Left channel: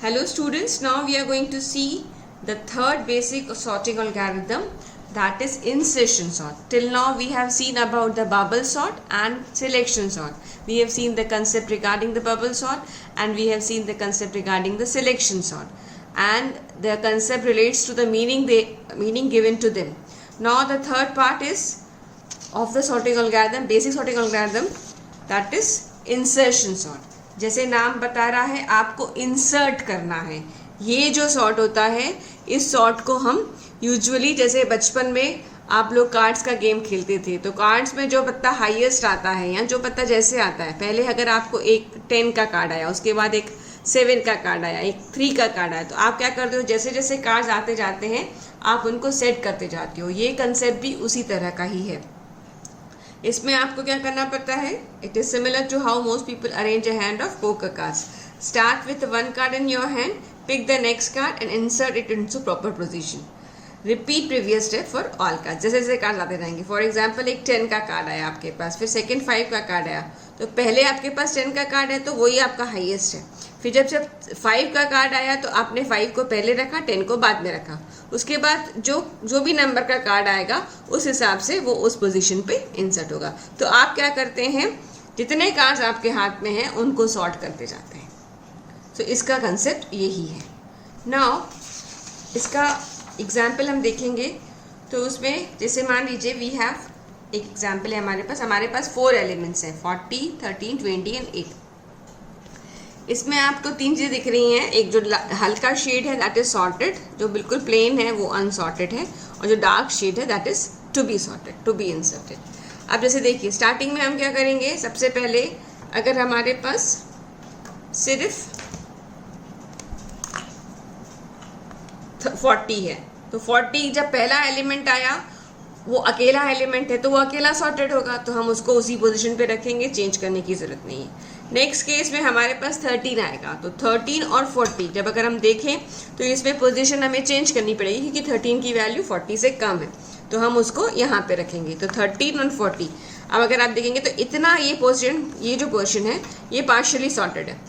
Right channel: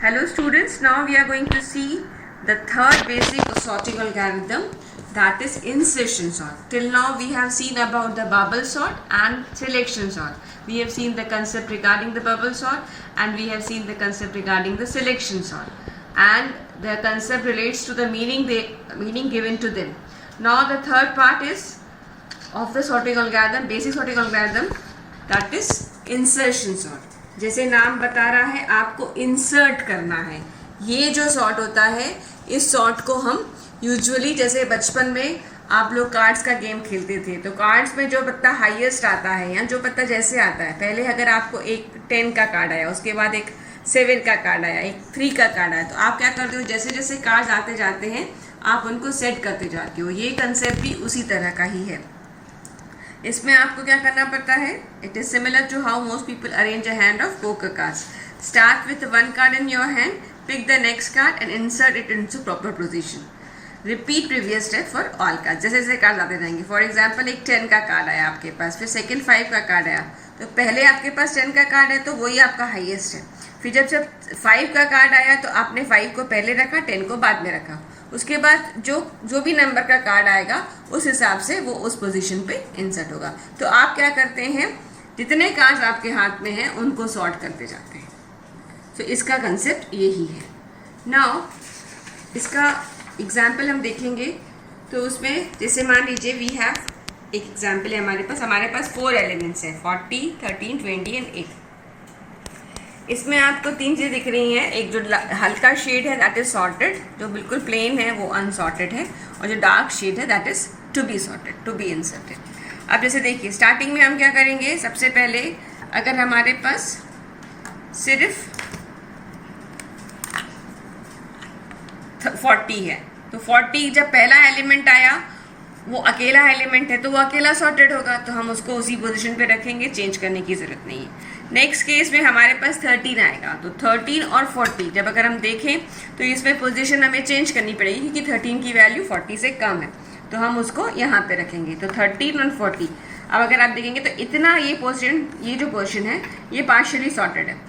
Hello students, now we are going to see the third basic sorting algorithm, that is insertion sort. Till now we have seen about the bubble sort and selection sort. We have seen the concept regarding the bubble sort and we have seen the concept regarding the selection sort. And the concept relates to the meaning given to them. Now the third part is of the sorting algorithm, basic sorting algorithm, that is insertion sort. जैसे नाम बता रहा है, आपको insert करना है. ये जो सॉर्ट होता है, इस सॉर्ट को हम यूजुअली जैसे बचपन में आप लोग कार्ड्स का गेम खेलते थे, तो कार्ड्स में जो पत्ता हाईएस्ट आता है या जो पत्ता जैसे आता है, पहले अगर आपको एक 10 का कार्ड आया, उसके बाद एक 7 का कार्ड आया, एक 3 का कार्ड आया, तो आप क्या करते हो, जैसे जैसे कार्ड्स आते जाते हैं आप उनको सेट करते जाते हो. ये कंसेप्ट भी उसी तरह का ही है. इसमें आपको क्या करना पड़ता है, it is similar to how most people arrange a hand of poker cards. Start with one card in your hand, pick the next card and insert it into proper position. Repeat previous step for all card. जैसे जैसे card आते जाएंगे. For example एक 10 का card आया आपके पास, फिर second 5 का कार्ड आया, तो पहले आपके पास 10 का कार्ड है तो वही आपका हाईएस्ट है. फिर जब 5 का कार्ड आया तो आपने 5 को पहले रखा, 10 को बाद में रखा. उसके बाद जो भी नंबर का कार्ड आएगा उस हिसाब से वो उस पोजीशन पे इंसर्ट होगा. तो आप क्या करते हैं, जितने कार्ड्स आपके हाथ में हैं उनको सॉर्ट करते जाते हैं. तो इसका कंसेप्ट यही है. नाउ इसका एग्जाम्पल हम देखेंगे. तो उसमें जैसे मान लीजिए वी हैव एक एग्जाम्पल है हमारे पास 4 एलिमेंट्स हैं, 40, 13, 20 एंड 8. इसमें आपको 3 चीज़ें दिख रही हैं. एक जो हल्का शेड है दैट इज सॉर्टेड, जो बिल्कुल प्लेन है वो अनसॉर्टेड है, और जो डार्क शेड है that is to be sorted, to be inserted. अब जैसे देखिए स्टार्टिंग में हम क्या करेंगे, सबसे पहले अगर हमारे पास सिर्फ 40 है, तो 40 जब पहला एलिमेंट आया वो अकेला एलिमेंट है तो वो अकेला सॉर्टेड होगा, तो हम उसको उसी पोजीशन पे रखेंगे, चेंज करने की ज़रूरत नहीं है. नेक्स्ट केस में हमारे पास 13 आएगा, तो 13 और 40 जब अगर हम देखें तो इसमें पोजीशन हमें चेंज करनी पड़ेगी क्योंकि 13 की वैल्यू 40 से कम है, तो हम उसको यहाँ पे रखेंगे. तो 13 और 40. अब अगर आप देखेंगे तो इतना ये जो पोजीशन है ये पार्शियली सॉर्टेड है,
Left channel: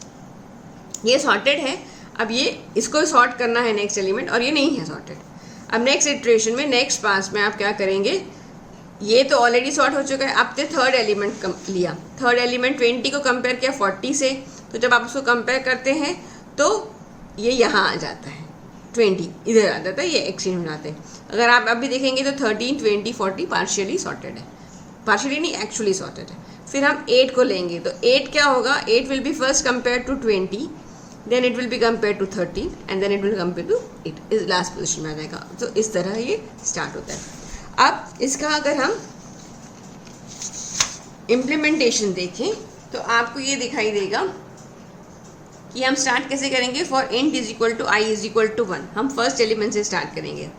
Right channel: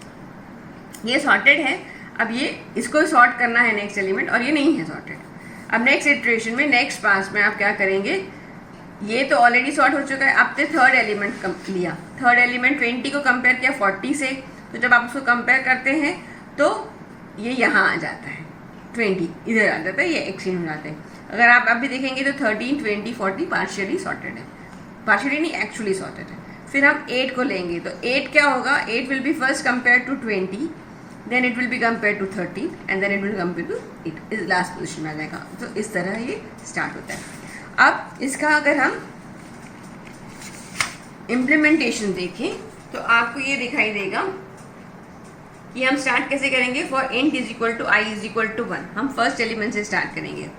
ये सॉर्टेड है. अब ये इसको सॉर्ट करना है नेक्स्ट एलिमेंट, और ये नहीं है सॉर्टेड. अब नेक्स्ट इटरेशन में नेक्स्ट पास में आप क्या करेंगे, ये तो ऑलरेडी सॉर्ट हो चुका है, आपने थर्ड एलिमेंट लिया, थर्ड एलिमेंट 20 को कंपेयर किया 40 से, तो जब आप उसको कंपेयर करते हैं तो ये यहाँ आ जाता है, 20 इधर आ जाता है, ये एक्सचेंज हो जाते हैं. अगर आप अभी देखेंगे तो 13, 20, 40 पार्शियली सॉर्टेड है, पार्शियली नहीं एक्चुअली सॉर्टेड है. फिर हम 8 को लेंगे तो 8 क्या होगा, 8 will be first compare to 20, then it will be compared to 13 and then it will compare to 8, इस लास्ट पोजिशन में आ जाएगा. तो इस तरह ये स्टार्ट होता है. अब इसका अगर हम इम्प्लीमेंटेशन देखें तो आपको ये दिखाई देगा कि हम स्टार्ट कैसे करेंगे. For int is equal to I is equal to 1, हम फर्स्ट एलिमेंट से स्टार्ट करेंगे.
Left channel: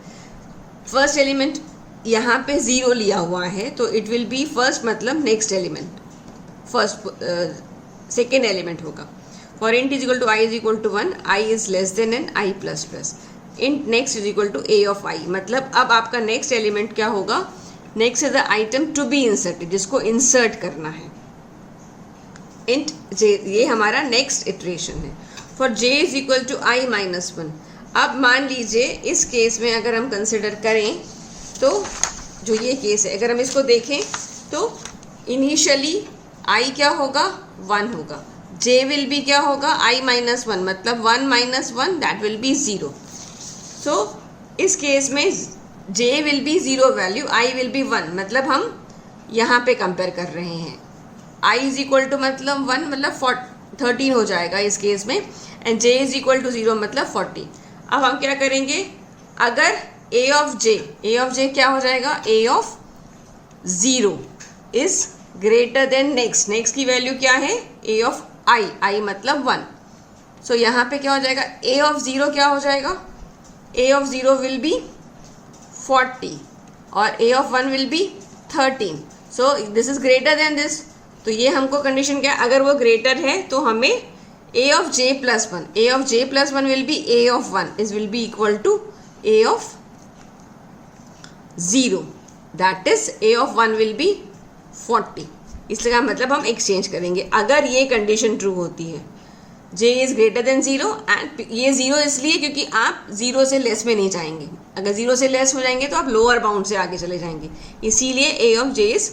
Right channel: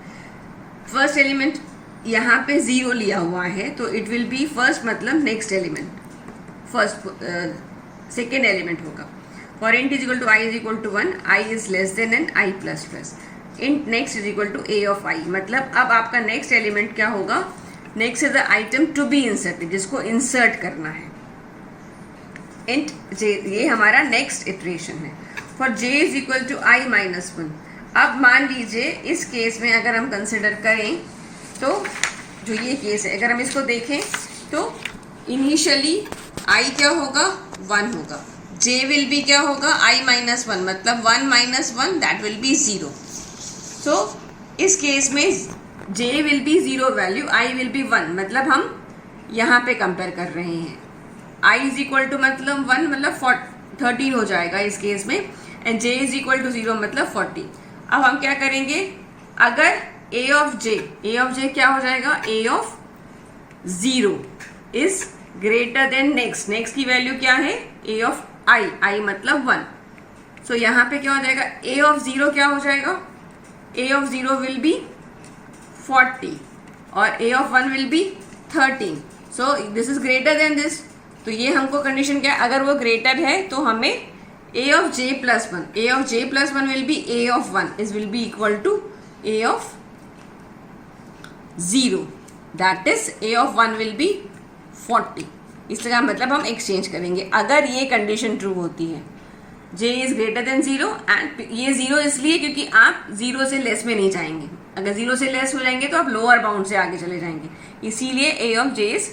फर्स्ट एलिमेंट यहाँ पे 0 लिया हुआ है तो इट विल बी फर्स्ट मतलब next element, first second element होगा. For int is equal to I is equal to 1, I is less than n, I plus plus. int next is equal to a of I. मतलब अब आपका next element क्या होगा, next is the item to be inserted, जिसको insert करना है. int j, ये हमारा नेक्स्ट इटरेशन है. For j is equal to I minus 1. अब मान लीजिए इस केस में अगर हम कंसिडर करें तो जो ये केस है अगर हम इसको देखें तो इनिशियली I क्या होगा, 1 होगा. j विल बी क्या होगा, I माइनस 1, मतलब 1 माइनस 1 दैट विल बी 0. सो इस केस में j will be 0 value, I will be 1, मतलब हम यहाँ पे कंपेयर कर रहे हैं. I इज इक्वल टू मतलब 1 मतलब 13 हो जाएगा इस केस में, and j is equal to 0 मतलब 40. अब हम क्या करेंगे, अगर a ऑफ j क्या हो जाएगा, a of 0 is greater than next की वैल्यू क्या है, a ऑफ I मतलब 1. सो यहाँ पे क्या हो जाएगा, a ऑफ 0 क्या हो जाएगा, a ऑफ 0 विल बी 40 और a of 1 will B 13. So this is greater than this. तो ये हमको कंडीशन क्या है, अगर वो ग्रेटर है तो हमें a of j plus 1 will be a of 1 is will be equal to a of 0, that is a of 1 will be 40. इसका मतलब हम एक्सचेंज करेंगे अगर ये कंडीशन ट्रू होती है. जे इज ग्रेटर देन 0 एंड ये 0 इसलिए क्योंकि आप 0 से लेस में नहीं जाएंगे, अगर 0 से लेस हो जाएंगे तो आप लोअर बाउंड से आगे चले जाएंगे, इसीलिए ए ऑफ जे इज,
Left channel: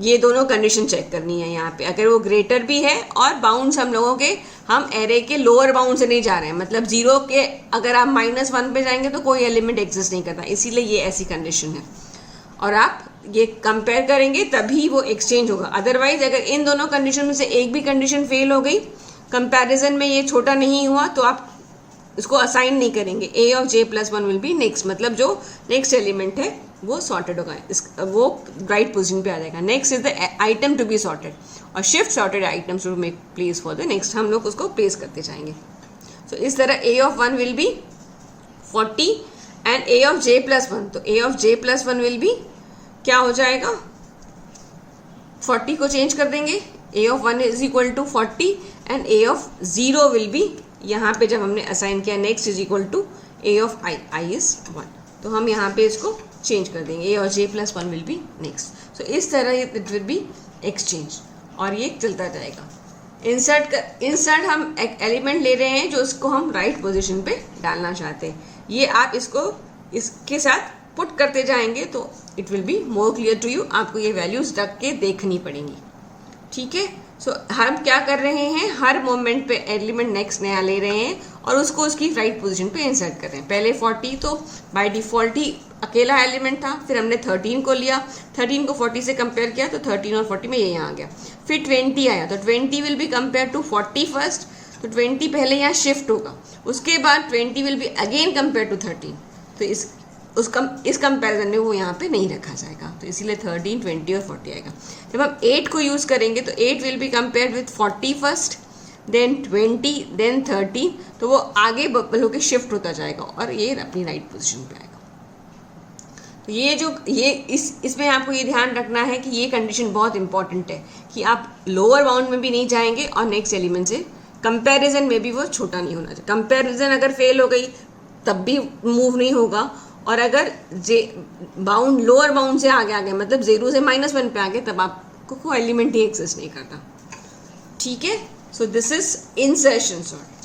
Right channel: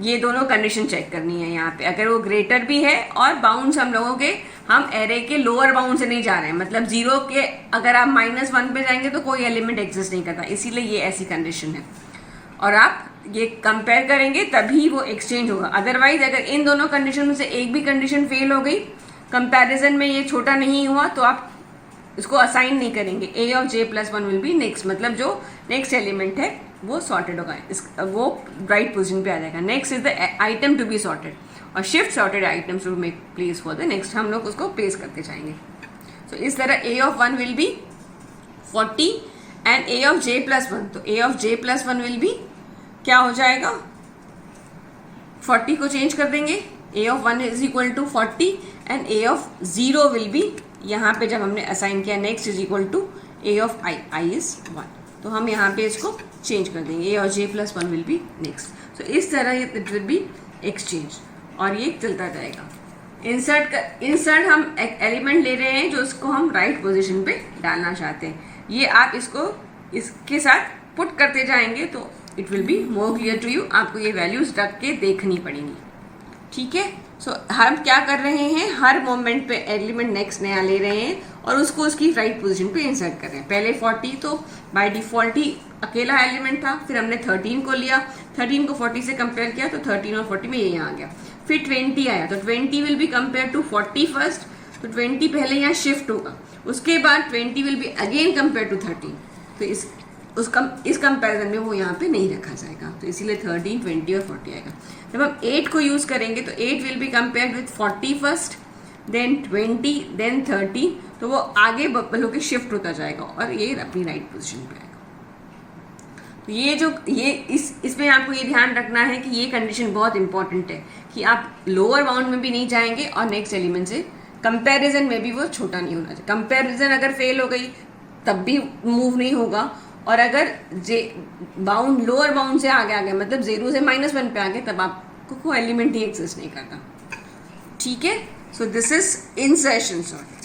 ये दोनों कंडीशन चेक करनी है यहाँ पे। अगर वो ग्रेटर भी है और बाउंड्स हम लोगों के, हम एरे के लोअर बाउंड से नहीं जा रहे हैं, मतलब 0 के अगर आप -1 पे जाएंगे तो कोई एलिमेंट एग्जिस्ट नहीं करता, इसीलिए ये ऐसी कंडीशन है। और आप ये कंपेयर करेंगे तभी वो एक्सचेंज होगा, अदरवाइज अगर इन दोनों कंडीशन में से एक भी कंडीशन फेल हो गई, कंपैरिजन में ये छोटा नहीं हुआ, तो आप उसको असाइन नहीं करेंगे। A of J plus 1 will be next, मतलब जो नेक्स्ट एलिमेंट है वो सॉर्टेड होगा, वो राइट पोजीशन पे आ जाएगा। Next is the item to be sorted, और shift sorted items to make place for the next, हम लोग उसको प्लेस करते जाएंगे। तो इस तरह A of 1 will be 40 and A of J plus 1, तो A of J plus 1 will be क्या हो जाएगा, 40 को चेंज कर देंगे, A of 1 is equal to 40 and A of 0 will be, यहाँ पे जब हमने असाइन किया next is equal to A of I is 1, तो हम यहाँ पे इसको चेंज कर देंगे, ए और जे प्लस 1 विल बी नेक्स्ट। सो इस तरह इट विल बी एक्सचेंज, और ये चलता जाएगा। इंसर्ट हम एक एलिमेंट ले रहे हैं जो उसको हम राइट पोजीशन पे डालना चाहते हैं, ये आप इसको इसके साथ पुट करते जाएंगे तो it will be more clear to you, आपको ये वैल्यूज रख के देखनी पड़ेंगी, ठीक है। सो हम क्या कर रहे हैं, हर मोमेंट पे एलिमेंट नेक्स्ट नया ले रहे हैं और उसको उसकी राइट पोजीशन पे इंसर्ट कर रहे हैं। पहले 40 तो बाय डिफ़ॉल्ट ही अकेला एलिमेंट था, फिर हमने 13 को लिया, 13 को 40 से कंपेयर किया तो 13 और 40 में ये यहाँ आ गया, फिर 20 आया तो 20 will be compare to 40 first, तो 20 पहले यहाँ शिफ्ट होगा, उसके बाद 20 will be again compare to 13, तो इस कंपैरिजन में वो यहाँ पे नहीं रखा जाएगा, तो इसीलिए 13, 20 और 40 आएगा। जब हम 8 को यूज़ करेंगे तो 8 will be compared with 40 first, then 20, then 30, तो वो आगे बबल होकर शिफ्ट होता जाएगा और ये अपनी राइट पोजीशन पे आएगा। तो ये इसमें आपको ये ध्यान रखना है कि ये कंडीशन बहुत इंपॉर्टेंट है कि आप लोअर बाउंड में भी नहीं जाएंगे और नेक्स्ट एलिमेंट से कंपैरिजन में भी वो छोटा नहीं होना चाहिए। कंपैरिजन अगर फेल हो गई तब भी मूव नहीं होगा, और अगर बाउंड लोअर बाउंड से आगे आ गए, मतलब 0 से -1 पे आ गए, तब आपको कोई एलिमेंट ही एक्सिस्ट नहीं करता, ठीक है। So this is insertion sort.